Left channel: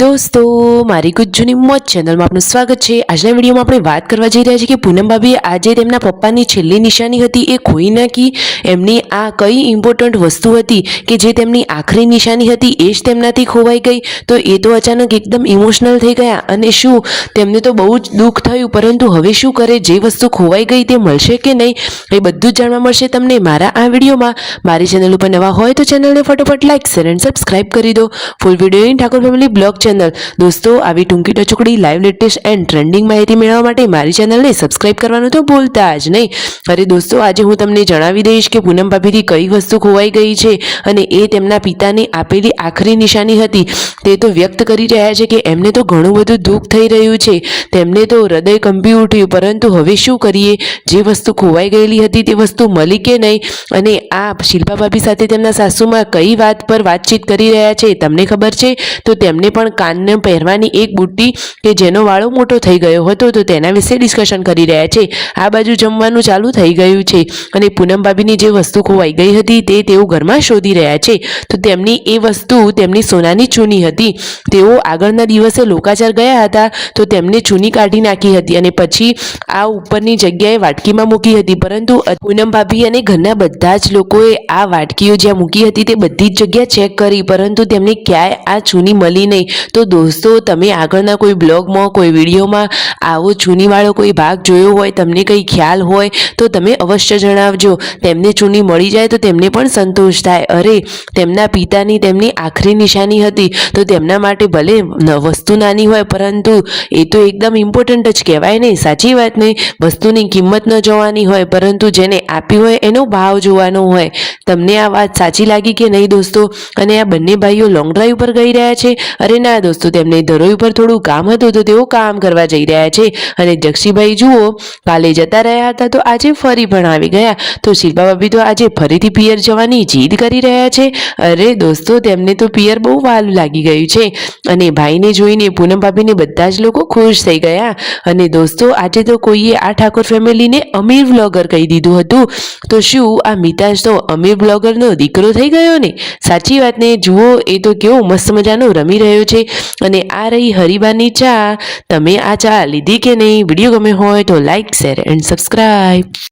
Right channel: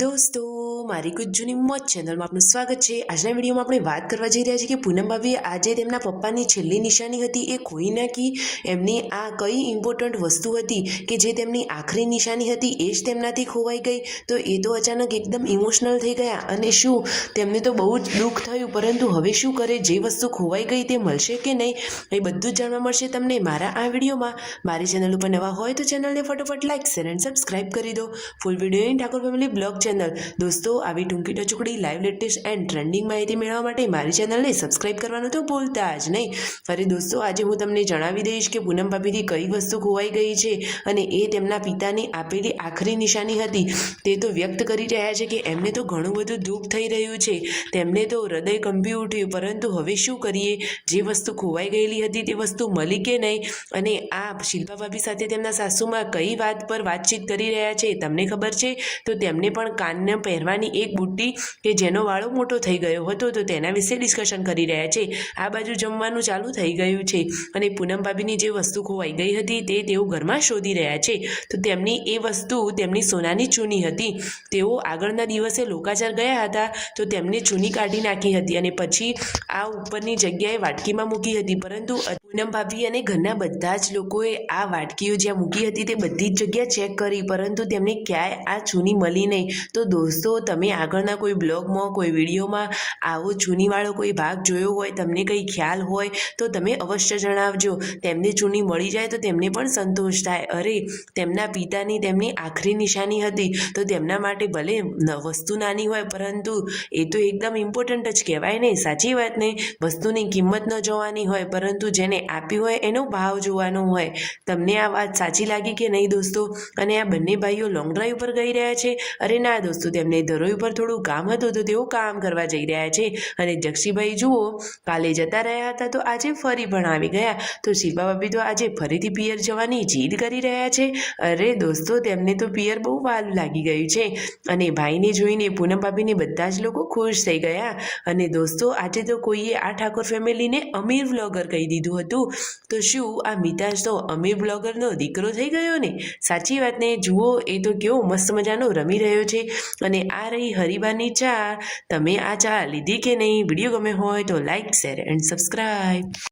દોસ્તો મારી ગુજ્જુની મોજ ચેનલમાં આપનું સ્વાગત છે। આજના વિડીયોમાં આપણે વાત કરવા જઈ રહ્યા છીએ કે પૂનમ ભાભીએ આજે તેમના પપ્પાની છેલ્લી નિશાની હતી એ ખોઈ નાખી। એમની આ કઈ ઇમ્પોર્ટન્ટ વસ્તુ હતી કે જે તેમની આખરી નિશાની હતી એ જ તેમનાથી ખોવાઈ ગઈ। તો એ તો અચાનક એકદમ ઇમોશનલ થઈ ગયા અને શું તેમને તો બહુ જ દુઃખ થયું, પરંતુ હવે શું કરે, જે વસ્તુ ખોવાઈ ગઈ તે મળશે કે નહીં એ બધું જ જાણવા મળશે તમને મારા આ વિડીયોમાં। મારી ચેનલ ઉપર નવા હોય તો ચેનલને ફટાફટ લાઈક શેર એન્ડ સબસ્ક્રાઇબ કરી દો। ફૂલ વિડીયોની ઠાકોર ફેમિલી બ્લોગ ચેનલ દોસ્તો આવી ટૂંકી ટચુકડી લાઈવ લેટેસ્ટ એન્ડ ટ્રેન્ડિંગ માહિતી મેળવવા માટે મારી ચેનલને સબસ્ક્રાઇબ કરવાનું તો ભૂલતા જ નહીં। અરે દોસ્તો આજે હું તમને જણાવી દઈશ કે પૂનમ ભાભીથી કઈ વસ્તુ ખોવાઈ ગઈ છે અને એ તેમના પિતાને આપેલી આખરી નિશાની હતી તે તો વ્યક્ત કરી રહ્યા છે કે એમને તો ઘણું બધું દુઃખ થઈ રહ્યું છે, તેમને તો હૃદય કંપી ઉઠ્યું, પરંતુ હવે શું કરીએ, જે વસ્તુ ખોવાઈ ગયેલી હતી તે વસ્તુ મળી કે નહીં અને આ શિલ્પા ભાભી સાથે તેમના સાસુમાં કઈ વાત પર વાતચીત કરી રહ્યા છે તમને ખબર છે? તો તેમને પણ કાનને પહેરવાની એક બુટ્ટી કે જેનો વાળો મોટો થઈ ગયો હતો તો તેના વિશે ડિસ્કશન કરી રહ્યા છે। આ બાજુ જમવાનું ચાલુ થઈ ગયું છે અને પૂનમ ભાભીની જે વસ્તુ ખોવાઈ ગઈ હતી તે તેઓ ઘરમાં શોધી રહ્યા છે। તો તેમની એ વસ્તુ તેમની સોનાની ચૂની હતી। તેઓ આગળના દિવસે લોકાચાર ગયા હતા તો તેમને ચૂની કાઢી નાખી હતી અને પછી આ ઉપરની જગ્યાએ વાટકીમાં મૂકી હતી, પરંતુ પૂનમ ભાભી અને ઘરના બધા જ લોકોએ આ વાટકીઓ જ્યાં મૂકી હતી તે બધી જ જગ્યા ચેક કરી, પરંતુ તેમને ક્યાંય આ ચૂની મળી નહીં। તો દોસ્તો તમે આગળના કોઈ બ્લોગમાં કોઈ વિડીયોમાં આવો ચૂનીવાળો કોઈ ભાગ જોયો હોય, તમને કંઈ ખ્યાલ હોય તો તમે અવશ્ય જણાવજો। તેમને ચૂની મળી જાય તો તેમને પણ સંતોષ થાય। અરે તેમના પિતાની તેમની આખરી નિશાની હતી તો તેમના માટે ભલે વસ્તુ નાની હોય પરંતુ એ તો એકદમ ઇમ્પોર્ટન્ટ જ કહેવાય ને, સાચી વાત ને? વસ્તુની કિંમત ન જોવાની હોય પરંતુ જેને આપી હોય એનો ભાવ જોવાનો હોય। તમને આ વાત સાચી લાગી કે નહીં દોસ્તો? અને આ બંને ભાઈઓ લોંગ ડ્રાઈવ પર ગઈ રહ્યા છે? અરે ના દોસ્તો, તેમને ધરોઈ પર થોડું કામ હતું તો તેઓ કામ કરવા જઈ રહ્યા છે અને જક્ષીભાઈ જુઓ કાલે જતા રહ્યા હતા તો આજે ફરી પણ આવી ગયા। તો શિલ્પા ભાભી તો આજે ફરીથી પિયર જવાની જીદ કરી રહ્યા છે। અરે દોસ્તો તેમને તો પિયર બહુ વાલું લાગી ગયું છે અને ભાઈને જોઈને પૂનમ ભાભીને બધા જ લોકો ખુશ થઈ ગયા। અને દોસ્તો આજે તો કોઈએ આ ઠાકોર ફેમિલીને અમીર વ્લોગર કહી દીધું હતું, તો શું આ મિતાજ તો અમીર બ્લોગરનો દીકરો થઈ ગયો ને? સાચી વાત ને? જુઓ એ તો કેવો મસ્ત મજાનો રમી રહ્યો છે અને આ રહી હરીબાની ચા। તમે આ ચા લીધી કે નહીં? વિડીયો ગમે હોય તો લાઈક શેર એન્ડ સબસ્ક્રાઇબ।